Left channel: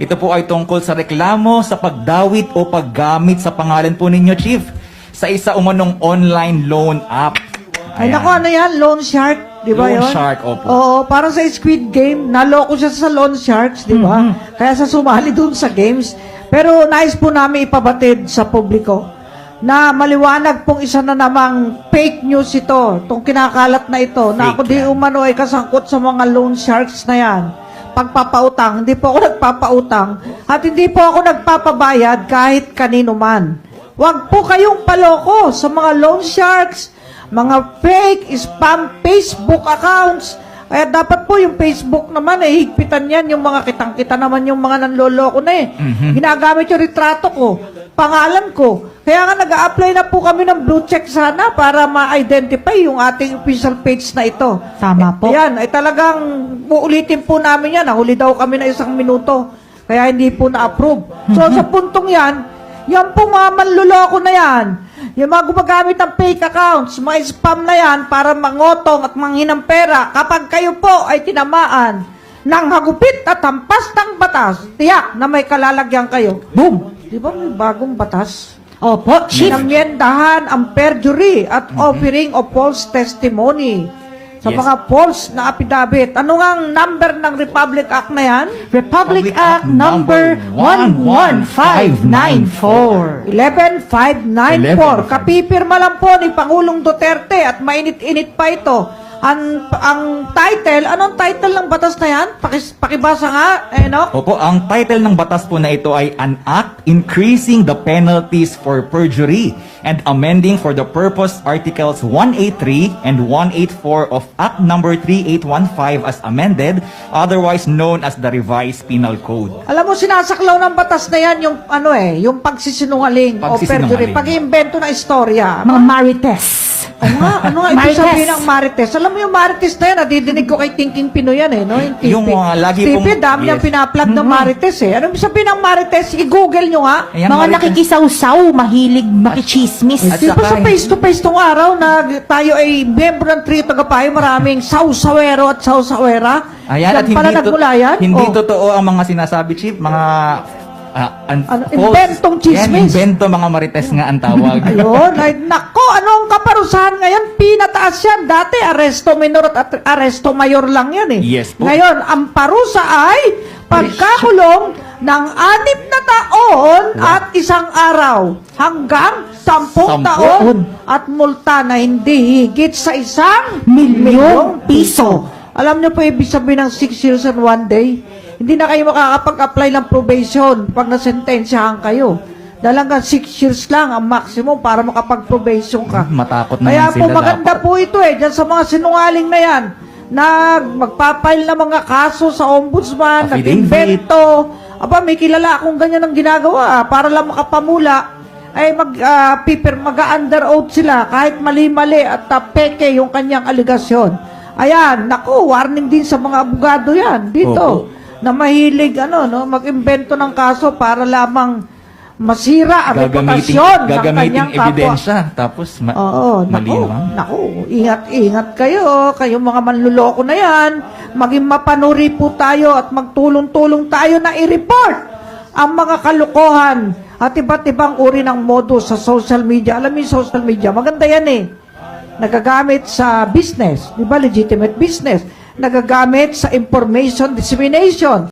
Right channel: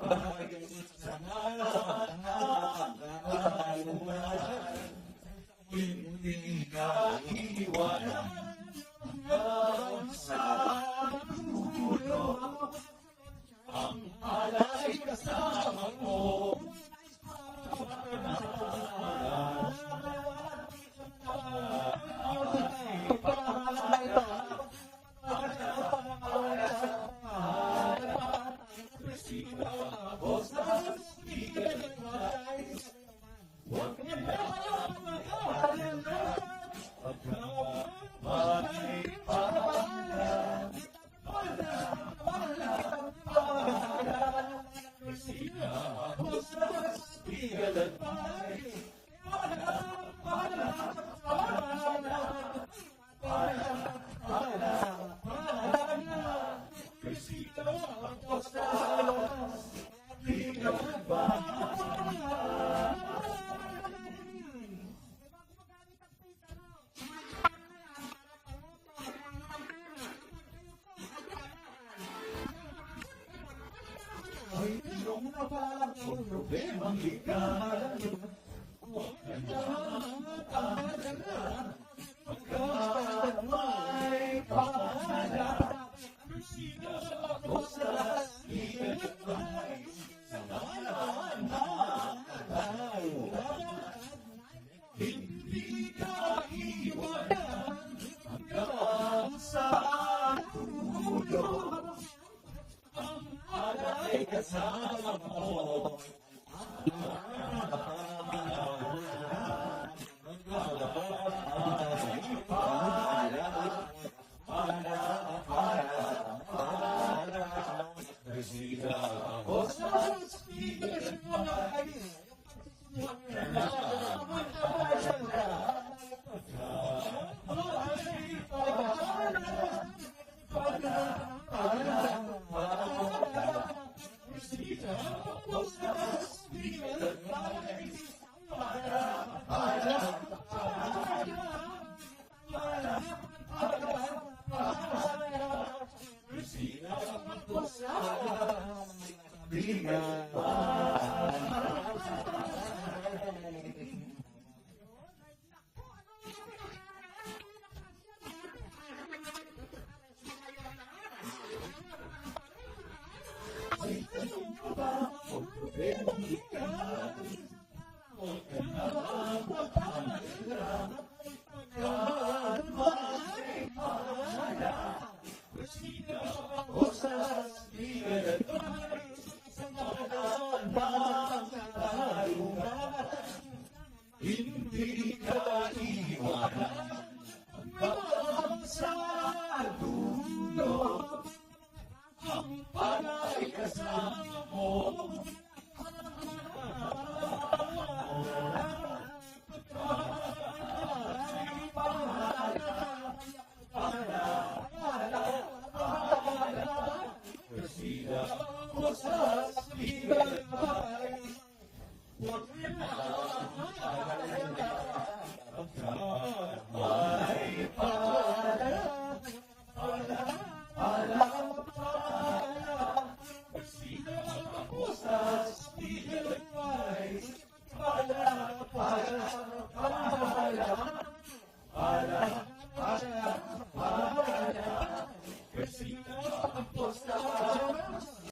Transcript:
Ito po ay tungkol sa reklamo sa pagdawit o paggamit sa pangalan po ninyo, Chief, sa isa umanong online loan app. Ay, Ayan. naku, ano yan? Loan Shark, di ba Loan yun? Shark, opo. Oo, parang sa Squid Game, naloko siya sa Loan Sharks, di ba? Kaya sa sumali dun sa games. Pero nais po namin ipabatid sa publiko na maliwanag pong isa na namang fake news ito, itong kinakalat na ito, na ako di umano ay kasangkot sa mga Loan Sharks na yan. Pagpapautang, hindi po ako nagpapautang at hindi po ako nagpapabayad kahit kanino man. Huwag po kayong paloko sa mga Loan Sharks, mga fake, spam Facebook accounts. Kaya dapat po yung Facebook naman, higpitan yan, yung mga kitang-kita naman yung mga nanloloko na Ginagamit yung retrato ko, pangalan ko. Kaya nga nag-a-apply na po kami ng blue check sana para ma-identify yung ating official page na ito. Tama po. Yan, ay talagang uulitin po namin yan. Nahuli daw kami na 1 minuto. Kaya hindi po na-approve. So sa puntong yan po mga manluloko na yan. Yung mga gumagamit ng fake accounts, mga spam na yan para mangotong at manghinang pera. Kapag kayo po ay tinamaan ng hagupit at hampas ng batas, tiyak na may kalalagyan kayo. Boom! Di ba may bagong batas? Opo, Chief. Namyendahan ang perjury at offering of false testimony sa Yes. mga false na affidavit. Ano nga ang number ng Republic Act na yan? Republic Act number 11594. 11594. Kapipirma lang po ni Pangulong Duterte at mainit-init pa ito. Ang title, anong title ng batas na yan? Pakibasa nga, no? Opo, ang title ng batas po na ito ay An Act Increasing the Penalties for Perjury and Amending for the Purpose Articles 183 and 184 of Act number 3815 as amended, otherwise known as the Revised Penal Code. Alam mo, sinasaklaw ng batas na yan yung yung pagsisinungaling o perjury, Pagsisinungaling. pag-iimbento na istorya. Mga Marites. Ano nga ibig Marites. sabihin ng Marites? Alam mo yung Marites na yan, nadidinig ko kay Thinking Pinoy yan no? Yung TV. Yung mga lagi TV, pong- dami niyang yes. pinaplug ng Marites Ano ibig sabihin ng Marites? I-google nyo nga. Ayan, Mga Marites. nakikisawsaw, mahilig makichismis. At Di ba sa saka- face-to-face tong araw na tayo ay member ng Trio Tagapayo, maraming sausawero at sausawera? Ayan, at Yan pala nagmula yan? hindi Oh. totoo ang mga sinasabi, Chief. Mga inventong chismis. Yan, invento, mga marites nga ang tawag. Ayun, ay nako, ano ang kaparusahan ngayon? Pinataas yan. Dati, aresto minor at aresto mayor lang yan Yes po. Ngayon, ang parusa ay pagkakulong ng 6 na taon at 1 araw hanggang 10 taon at multa na hindi higit sa 1 milyong piso. Alam niyo po ibig sabihin ng 6 years and 1 day? Hindi na kayo makakapag-apply ng probation pag nasentensyahan kayo. Dahil hanggang 6 years lang ang maximum para makapag-probation ka. Matakot naman Kaya po sila maganda dapat. po ito dyan sa mga sinungaling na yan na magpapail ng mga kaso sa ombudsman, Affidavit. nag-invento. Aba, may kilala akong ganyan ang ginagawa para lang makapamula ay mag-under oath sila kahit mali-mali at peke yung kanyang aligasyon. Ayan, naku, warning din sa mga abogado yan dito. Opo. Na mahilig mag-imbento ng kaso para lamang masira ang reputasyon ng gagamitin kanyang kapwa. ebidensya. Tapos, Oo, mali naku, naman. naku, ingat-ingat kayo, kayong mga manluloko na yan. Maging mapanuri po tayo at magtulong-tulong tayo na i-report ang mga kalukuhan at iba't ibang uri ng modus sa social media. Alam mo yung social media, maganda yan nagagamit sa business, di ba, legitimate business, nagagamit sa information dissemination.